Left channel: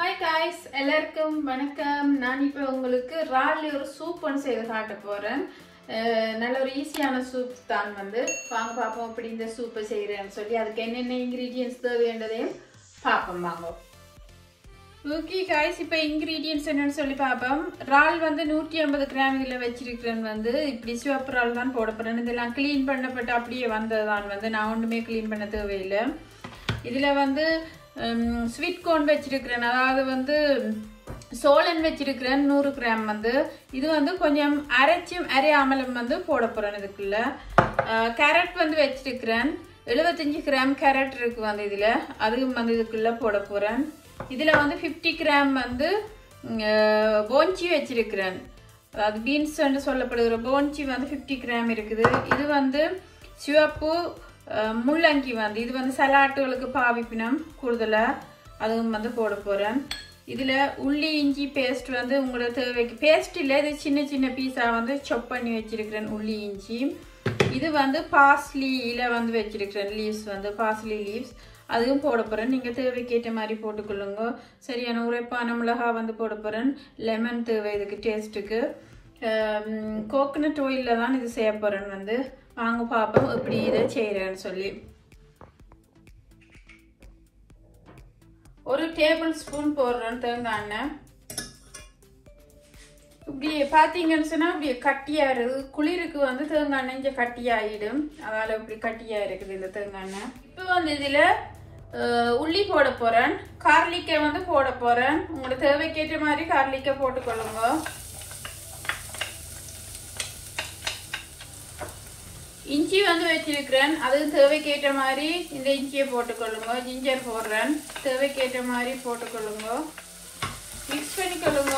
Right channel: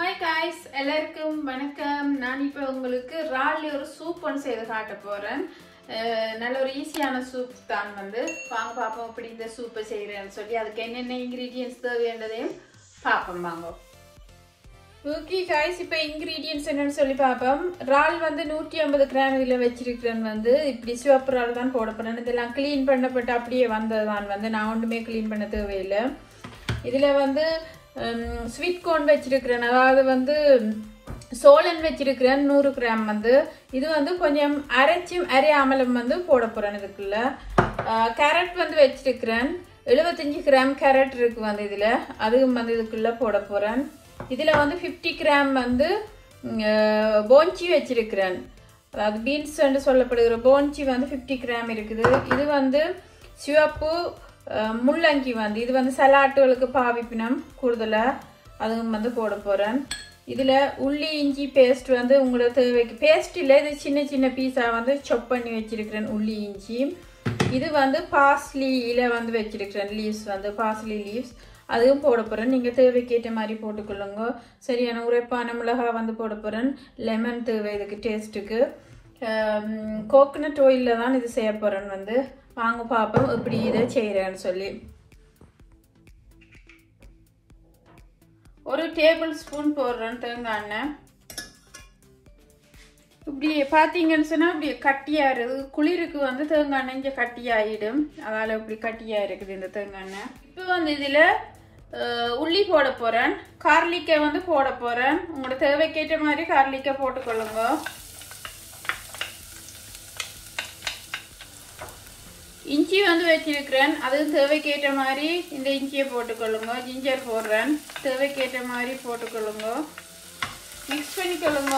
Hi guys, எல்லாருக்கும் வணக்கம். நான் இப்போ உங்களுக்கு ராலி ஒரு சூப் ஒன்று செய்து காட்ட போறேன். நல்ல ஒரு ஈஸியான சூப் தான் வந்து வாங்க பாப்போம் எப்படி இந்த சூப்பை செய்யறேன்னு சொல்லி அதுக்கு என்னென்ன இன்கிரீடியன்ட்ஸ் தேவைன்றதையும் பாப்போம் வாங்க. ஓகே guys, இப்போ இன்கிரீடியன்ட்ஸ் என்னன்னு சொல்லி பாப்போம். ரால் வந்து 150 கிராம் இதுல வச்சிருக்கிறேன் வந்து இப்படி சிவப்பு ரால் தான் போட போறேன். இதெல்லாம் க்ளீன் பண்ணப்பட்டு அப்படியே வந்ததான் வந்து நான் ஒண்ணுமே க்ளீன் பண்ண தேவையில்லை. இதுல வந்து ஸ்வீட் கார்ன் வச்சிருக்கிறேன், அதாவது வந்து சோளன் வச்சிருக்கிறேன் 100 கிராம் வந்து இது வந்து கொஞ்சம் அரையாமலும் வந்து போட போறேன். இதுக்குள்ள கேரட் வந்து வச்சிருக்கிறேன் 75 கிராம் கேரட் இருக்கு வந்து இதுல அதுவும் வந்து இதுக்குள்ள போட போறேன். இதுல வந்து 50 கிராம் வந்து போன்ச்சி வச்சிருக்கிறேன், அது பீன்ஸ் என்று சொல்லப்படுகிற போன்ச்சி வந்து 50 கிராம் இருக்குது. இது வந்து சிவப்பு முள்ளங்கி வந்து இது வந்து சலாட்டுகளுக்கு பாவிப்பினம் கூடுதலா அதுவும் வந்து போட போறேன். இதுல உள்ளி இஞ்சி பேஸ்ட் வந்து உங்களுக்கு தேவைக்கு பேஸ்ட் இல்ல, இது சின்ன சின்ன பீஸா வந்து சாப் பண்ணி வச்சிருக்கிறேன் உள்ளி இஞ்சி. இது வந்து பார்ஸ்லி இலை வந்து வச்சிருக்கிறேன், லீவ்ஸ் வந்து பார்ஸ்லி லீவ்ஸ் அதுவும் போட போறேன். நீங்க தேவைக்கு ஏற்ற மாதிரி போட்டுக்கொள்ளுங்க. சரியான உரைப்பான மிளகாய் வந்து போட போறேன். லெமன் தேவை இதுக்கு டேஸ்ட்டுக்கு. கோகனட் ஆயில்ல தான் இது செய்ய போறேன் வந்து வாங்க பாப்போம் எப்படி இதை செய்யறேன்னு சொல்லி. ஒரு டேபிள் ஸ்பூன் போடுறேன் தேங்காய் எண்ணெய். இப்படி பாத்தீங்கன்னு சொன்னா இப்படி கட்டியா இருக்குது, குளிருக்கு வந்து தேங்காய் எண்ணெய் இங்க கட்டியாயிடும், அதனால இப்படி கட்டியா இருக்குது இந்த தேங்காய் எண்ணெய். இப்போ வந்து இதுல உள்ளி போட போறேன், கார்லிக்காய் வந்து போட போறேன். உங்களோட தேவைக்கேற்ற மாதிரி கார்லிக்காய் போட்டுக்கொள்ளுங்க. இஞ்சி வந்து வச்சிருக்கிறேன், அது தேவைக்கேற்ற மாதிரி இந்த இஞ்சியை போட்டுக்கொள்ளுங்க. ஜிஞ்சர் போடுறேன், தேவைக்கேற்ற மாதிரி போட்டுக்கொள்ளுங்க. மிக்ஸ் பண்ணிக்கொள்ளுங்க.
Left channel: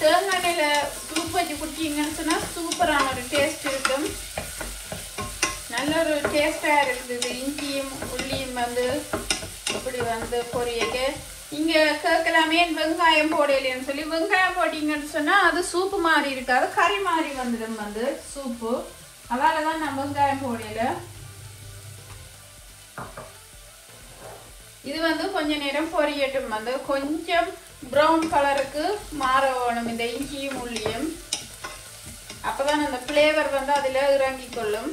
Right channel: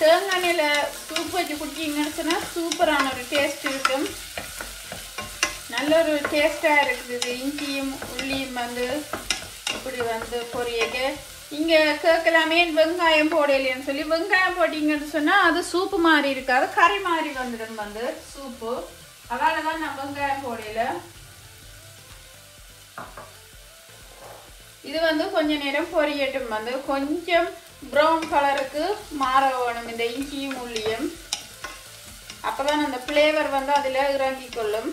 தேங்காய் எண்ணெயில சூப் வச்சு குடிச்சீங்கன்னு சொன்னா சூப்பரான ஒரு டேஸ்ட் இருக்கும், நல்ல ஒரு டேஸ்டா இருக்குது. இஞ்சியும் உள்ளியும் வந்து இப்படி வந்து பொரியக்கு இங்க கேட்கலாமே வெங்காயம் போடலன்னு சொல்லி, வெங்காயம் போட்டீங்கன்னு சொன்னா அது சூப்பு மாதிரி இருக்காது, கறி மாதிரி வந்துடும் வந்து சூப்பு, அதனாலதான் நான் வெங்காயம் போடல. இது வந்து கொஞ்ச நேரம் பொரியட்டும், வந்து கொஞ்சம் ப்ரௌன் கலருக்கு மாற வேணும் இந்த இஞ்சியும் உள்ளியும், அப்பதான் அந்த பிளேவர் வந்து அதுல இறங்கி கொள்ளும்.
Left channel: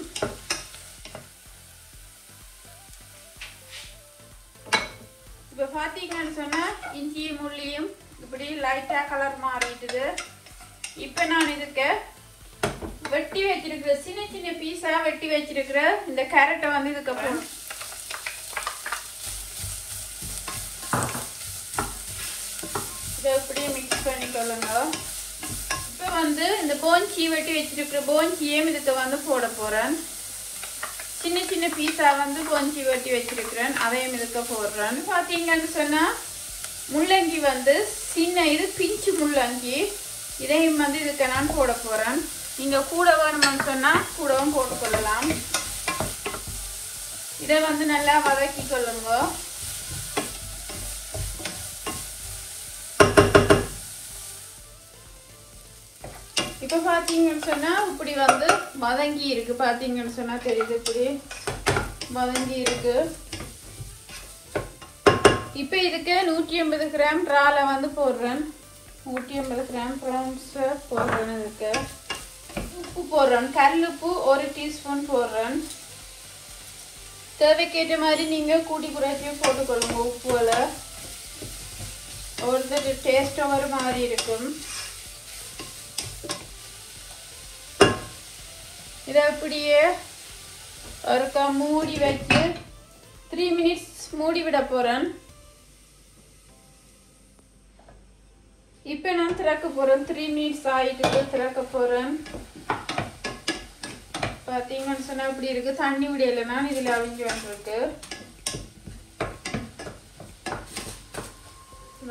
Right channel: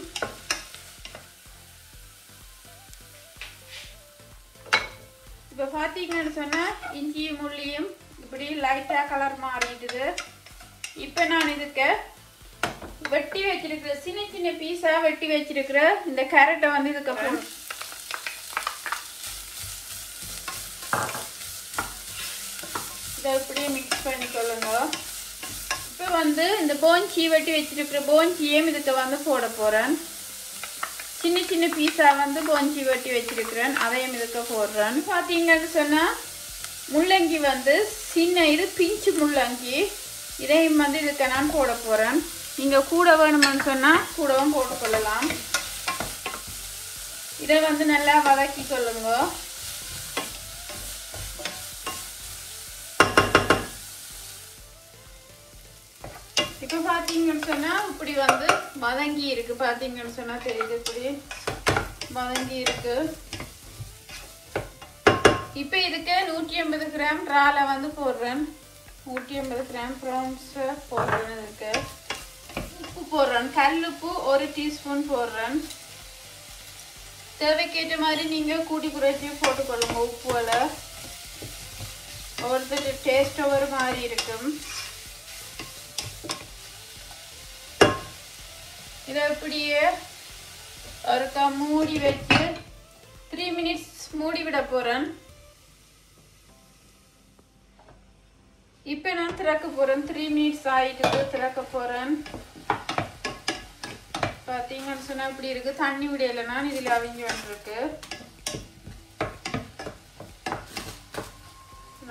இப்ப பாத்தீங்கன்னு சொன்னா இஞ்சியும் உள்ளியும் இப்படி லைட்டா கலர் மாறிடுது. இப்ப நான் இதுக்கு வெட்டி வச்சிருக்கிற சின்ன சின்ன பீஸா வெட்டி வச்சிருக்கிற இந்த கேரட்டை வந்து இதுக்கப்புறம் இதை இப்படி மிக்ஸ் பண்ணிக்கொள்ளுங்க. இப்ப வந்து இந்த போன்ச்சி வெட்டி வச்சிருக்கிற போன்ச்சியும் இதுக்கு வந்து போட போறேன். சின்ன சின்ன பீஸா வந்து போன்ச்சி வெட்டி வச்சிருக்கிறேன், அதையும் இதுக்கு போடுறேன். பாத்தீங்கன்னு சொன்னா முள்ளங்கி வந்து சின்ன இது பிஞ்சு முள்ளங்கி, இதையும் வந்து இதுக்கு நான் போட போறேன். நீங்க கூட வேணும்னு சொன்னா கூடவும் போட்டுக்கொள்ளலாம். இதை வந்து நல்லா வதக்கி கொள்ளுங்க. இப்ப பாத்தீங்கன்னு சொன்னா இப்படி வந்து வதங்கி இருக்கு, பாத்தீங்கன்னு சொன்னா தெரியுது இப்படி வதங்கி இருக்கு. இப்ப இதுக்கு 150 கிராம் ரால வந்து போடுறேன், 150 கிராம் ப்ரான்ஸ் போடுறேன். இதுக்கு உப்பு போடுறேன், கல்லுப்பு 1 டீஸ்பூன் போடுறேன். தேவைக்கேற்ற மாதிரி நீங்க கூட்டி குறைச்சி போட்டுக்கொள்ளுங்க. உப்புல ஒருத்தருக்கு டேஸ்ட் ஒரு மாதிரி இருக்கும். இதை அப்படியே ஒருக்கா மூடி வச்சு 3 மினிட்ஸ் மூடி விட போறேன். இப்ப நான் திறக்க போறேன், 3 மினிட்ஸ் ஆயிட்டு திறக்க போறேன். பாத்தீங்கன்னு சொன்னா இப்படி இருக்கு, தண்ணி விடையிலன்னா இதுல அவிஞ்சு வந்துருக்கு.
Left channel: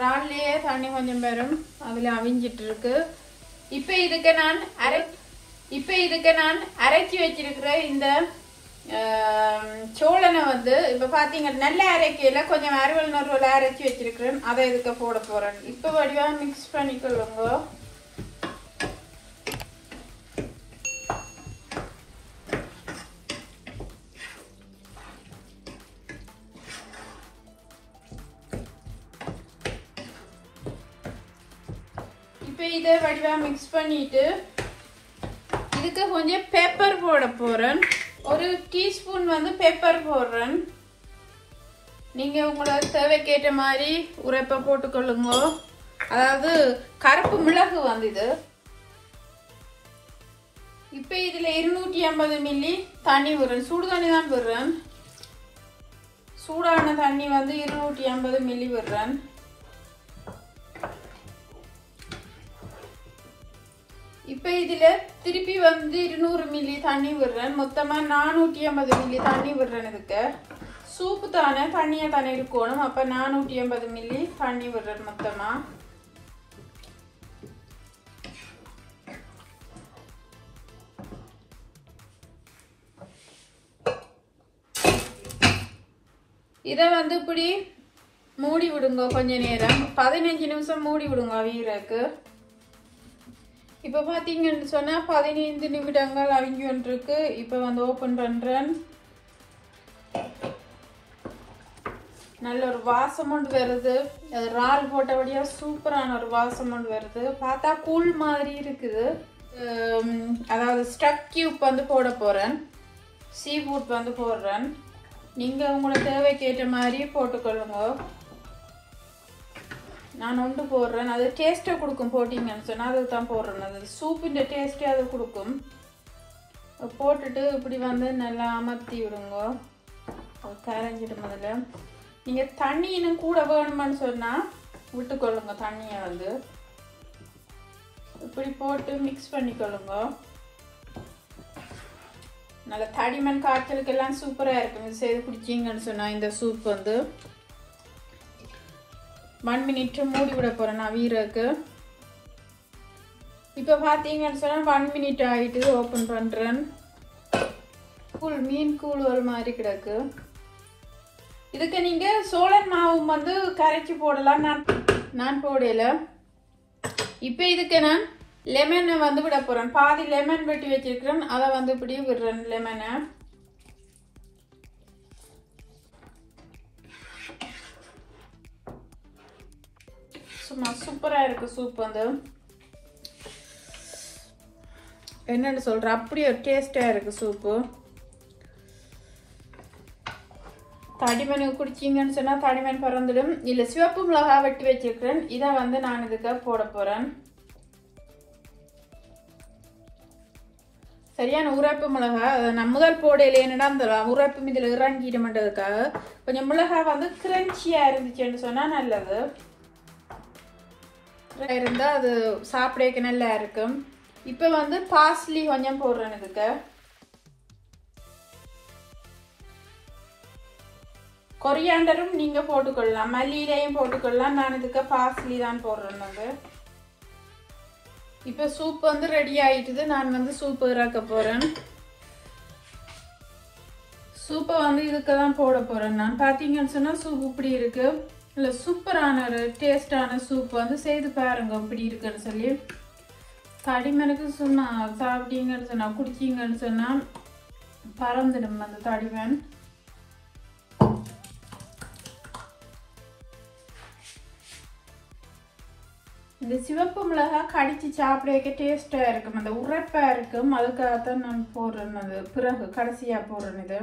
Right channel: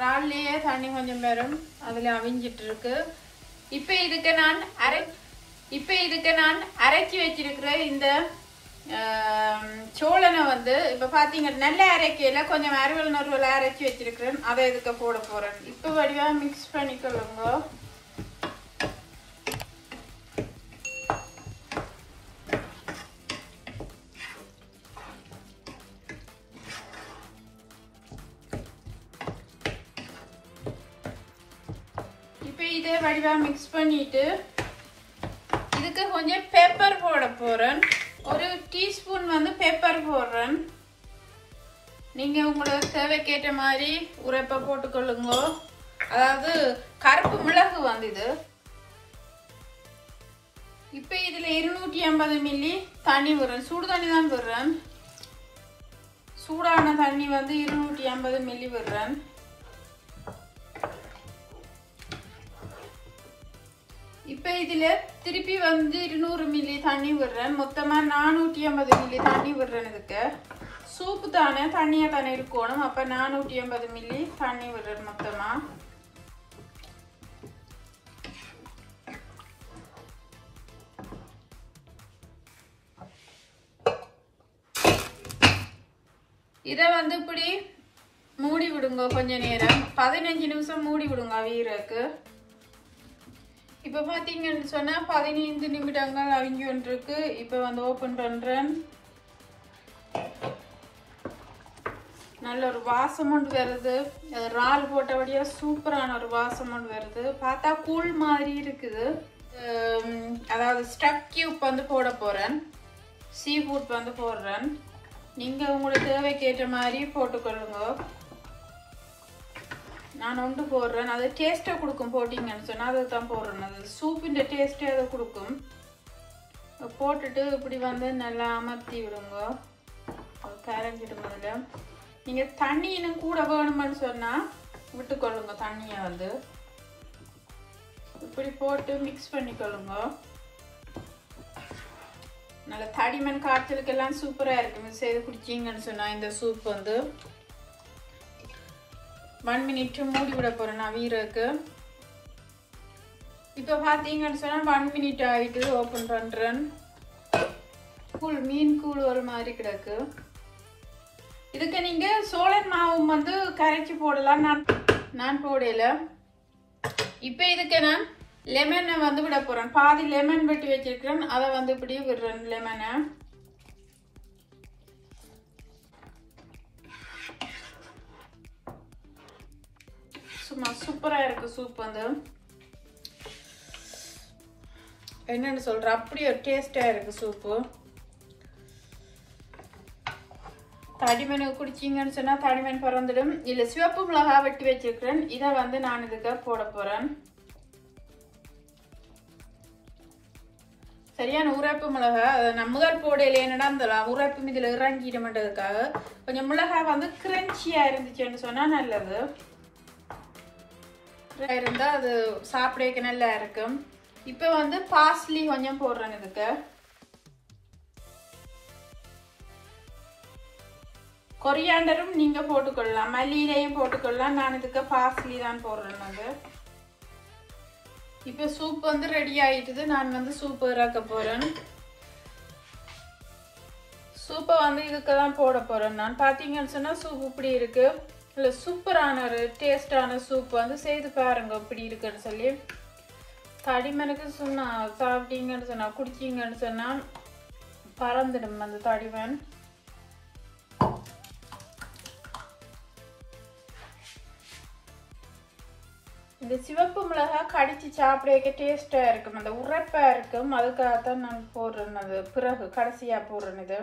ரால்லையே தண்ணி கொஞ்சம் வரும், அதுல அவிஞ்சிட்டு இருக்கு. இப்ப இதுக்கு நான் அரைச்சி வச்சிருக்கிற இந்த சோளனை வந்து இப்ப பாத்தீங்க நல்ல அரைக்கையில கொஞ்சம் அறுவல் அரைச்சி வச்சிருக்கிறேன், அதை இதுக்கு போட போறேன். இப்ப வடிவா மிக்ஸ் பண்ணிக்கொள்ளுங்க. இப்போ இதை வடிவா மிக்ஸ் பண்ணிட்டு இதுக்கு கொஞ்சம் பெப்பர் போட போறேன். ஒரு டீஸ்பூன் வந்து பெப்பர் போடுறேன். நீங்க உங்களோட தேவைக்கேற்ற மாதிரி உரைப்ப போட்டுக்கொள்ளுங்க. அதாவது கருப்பு மிளகு வந்து இது. இப்போ இதுல 250 மில்லி தண்ணி விடுறேன். சூடு தண்ணி தான் விடுறேன். சூடான தண்ணி வந்து 250 மில்லி விடுறேன். இப்போ இதுல திருப்பி வந்து 200 மில்லி தண்ணி விடுறேன். மொத்தமா 450 மில்லி தண்ணி விடுறேன். இதுக்கு சூப்பு தானே தண்ணியா தானே இருக்கணும். அப்ப 450 மில்லி தண்ணி விடுறேன் மொத்தமா. இத வந்து இப்படி மூடி விடுங்க கொஞ்ச நேரம். 15 நிமிஷம் மூடி விடுங்க அவியறதுக்கு. இப்ப பாத்தீங்கன்னு சொன்னா 15 நிமிடங்கள் அவிஞ்சு வந்துருக்கு. இப்ப வந்து ஓபன் பண்றேன். நல்ல ஒரு வாசம் ஒன்று வருது. இறால் போட்டபடியா சூப்பரான ஒரு வாசம் ஒன்று வருது. பார்த்தா கூழ் மாதிரி இருக்குது. அதாவது ஸ்டக் கியூப் வந்து போட போறேன். சீ ஃபுட் வந்து போடுறேன். நீங்க உங்களோட தேவைக்கேற்ற மாதிரி போட்டுக்கொள்ளுங்க. நான் ஒன்று போடுறேன். அது டேஸ்ட்டை கொடுக்கும். போட்டிங்கன்னு சொன்னா அதுதான் போடுறேன். அது சூப்பின் டேஸ்ட்டே அது கொடுக்கும். போட்டுட்டு இப்படி வந்து நல்லா அமர்த்தி விடுங்க. கரைஞ்சிட்டு முதல்ல. நீங்க தண்ணி இன்னும் கூட வேணுமான்னு சொன்னா விட்டுக்கொள்ளுங்க. தண்ணியை வந்து இப்படி போட்டு மிக்ஸ் பண்ணிக்கொள்ளுங்க. நல்ல தடிமண் காய்ச்சலுக்கெல்லாம் சூப்பரா இருக்கும். செய்து குடிச்சீங்கன்னு சொன்னா இந்த சூப் வந்து 1 மினிட் மூடி விட போறேன் நான் வீரருக்கு. இப்ப பாத்தீங்கன்னு சொன்னா 1 மினிட் ஆயிட்டு ஓபன் பண்றேன். கூழ் மீன் கூழ் ஒரு மாதிரி கிடக்கு. இதுக்கு நீங்க சோளன் மாவு வந்து கரைச்சி போடலாம். நான் போடல. இப்ப இதுக்கு நான் லெமன் வந்து விட போறேன். பாதி லெமன் வெட்டி வச்சிருக்கேன். அதை வந்து இப்படி விடுறேன் லெமனை. சும்மா சூப்பரா இருக்கு சூப் வந்து. என்னன்னு சொல்றேன், அப்படியே டேஸ்டா இருக்கு சூப்பு. தடிமன் குடிச்சீங்கன்னு சொன்னா தடிமன் பறந்துடும். இல்ல சிவப்பு மிளகா வெட்டி வச்சிருக்கேன். இதை வந்து நான் இதுக்கு போட போறேன். சரியான உரைப்பு மிளகா. நான் முதல் போடையில என்னடா அந்த உரைப்பும் இதுல இறங்கிட மாட்டதுக்காக கொஞ்சம் மிளகா வந்து கிரன்ச்சியா இருந்துச்சுன்னு சொன்னா நல்லது. இருந்தா அது சாப்பிடக்கு நல்லா இருக்கும். இப்ப வந்து பார்ஸ்லி கொஞ்சம் போடுறேன். இதுக்கு கொரியாண்டரும் நீங்க போட்டுக்கொள்ளலாம். மல்லியிலையும் போட்டுக்கொள்ளலாம். நான் இதுக்கு பார்ஸ்லி தான் போடுறேன் வந்து. இப்ப சூப் வந்து ரெடி ஆயிட்டுது. நான் வந்து சூப் இறக்க போறேன். சூப்பை வந்து இதுக்கு தான் போட போறேன். நான் பாத்தீங்கன்னு சொன்னா சூப் இப்படி இருக்கு. இல்ல சூப்பரான ஒரு டேஸ்டான சூப் வந்து செய்து பாருங்க இப்படி இருக்குன்னு சொல்லி. தடிமனுக்கு சொன்னா சாப்பிட்டீங்கன்னு சொன்னா குடிச்சீங்கன்னு சொன்னா பறந்துடும் அந்த தடிமன். இந்த சிவப்பு மிளகா கடிச்சு சாப்பிடக்க டேஸ்டா இருக்கும். அந்த உரைப்பா இருக்கும். அதுக்காகத்தான் நான் போடுறேன். அது பிறகு கடைசியா போடுறேன். இது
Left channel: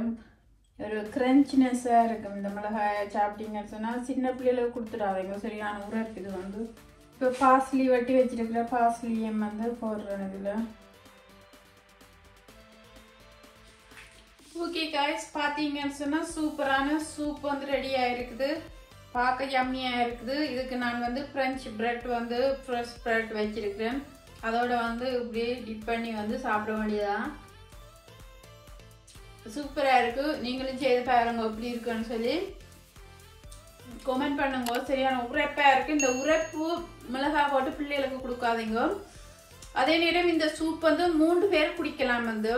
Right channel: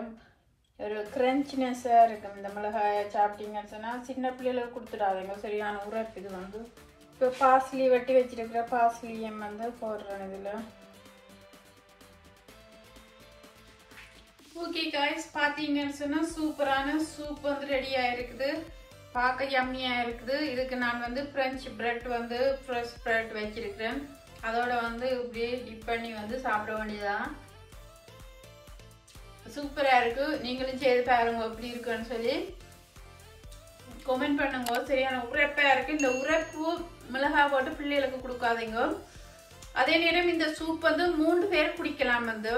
ஒரு கிரன்ச்சினஸா இருக்கும். இந்த மிளகாய சாப்பிட்டீங்கன்னு சொன்னா சின்ன பிள்ளைகளுக்கு கொடுத்துடாதீங்க. சரியான உரைப்பு இது வந்து. இப்போ பார்ஸ்லி வெட்டி வச்சிருக்கிற பார்ஸ்லியும் வந்து போடுறேன் இதுல. ஓகே காய்ஸ், பாத்தீங்கன்னு சொன்னா சூப்பரான சூப் வந்து ரெடி ஆயிருக்குது. பார்க்க யம்மியா இருக்குது. இதுக்கு நான் வந்து பிரெஞ்சு பிரெட் வந்து ஃப்ரெஷ் பிரெட் வச்சிருக்கிறேன். அதோட வந்து இப்படியே டிப் பண்ணி வந்து சாப்பிட வேண்டியதான். சூப்பரா இருக்கு. நீங்களும் செய்து பாருங்க எப்படி இருக்குன்னு சொல்லி கமெண்ட் பண்ணுங்க. சரியான உரைப்பா இருக்கு. இந்த உரைப்பு மிளகா போட்டு பிள்ளைகளுக்கு கொடுக்காதீங்க. அதே நேரம் இந்த சூப் வந்து 3 பேர் குடிக்கலாம். வந்து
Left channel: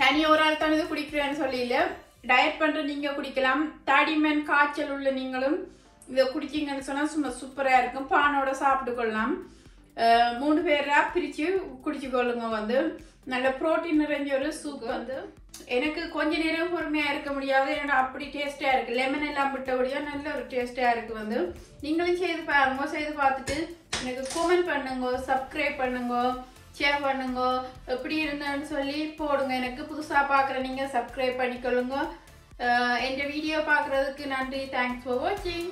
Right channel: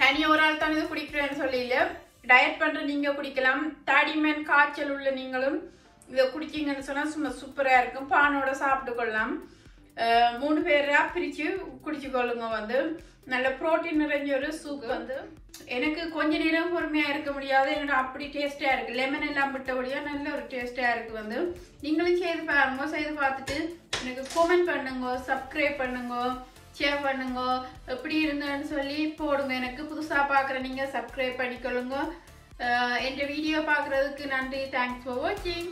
தனியா ஒரு ஆள் தான் இது குடிக்கிறேன்னு சொல்லல. டயட் பண்ற நீங்க குடிக்கலாம். தடிமன் காய்ச்சல் உள்ள நீங்களும் இதை குடிச்சீங்கன்னு சொன்னா சும்மா சூப்பரா இருக்கும். பானோட சாப்பிட்டு கொள்ளலாம். 3 பேரா பிரிச்சு குடிச்சு கொள்ளுங்க. வந்து நல்ல புரோட்டீன் நிறைஞ்ச ஒரு சூப் வந்து. எனக்கு கொஞ்ச நேரம் பொறுமையா இருக்க முடியாது. ஏன்னா அப்படி டேஸ்டா இருக்கு. லெமன் எல்லாம் விட்டபடியா நல்ல ஒரு டேஸ்டா இருக்கு. வந்து நீங்களும் செய்து பாருங்க. செய்து பார்த்துட்டு எனக்கு கமெண்ட் பண்ணுங்க, சப்ஸ்கிரைப் பண்ணுங்க, ஷேர் பண்ணுங்க. எப்படி இருந்தேன்னு சொல்லி போடுங்க. எனக்கு புதுசாக பார்க்குற நீங்கள் சப்ஸ்கிரைப் பண்ணிக்கொள்ளுங்க. என் வீடியோ பார்க்குறதுக்கு நன்றி. தேங்க்ஸ் ஃபார் வாட்சிங்.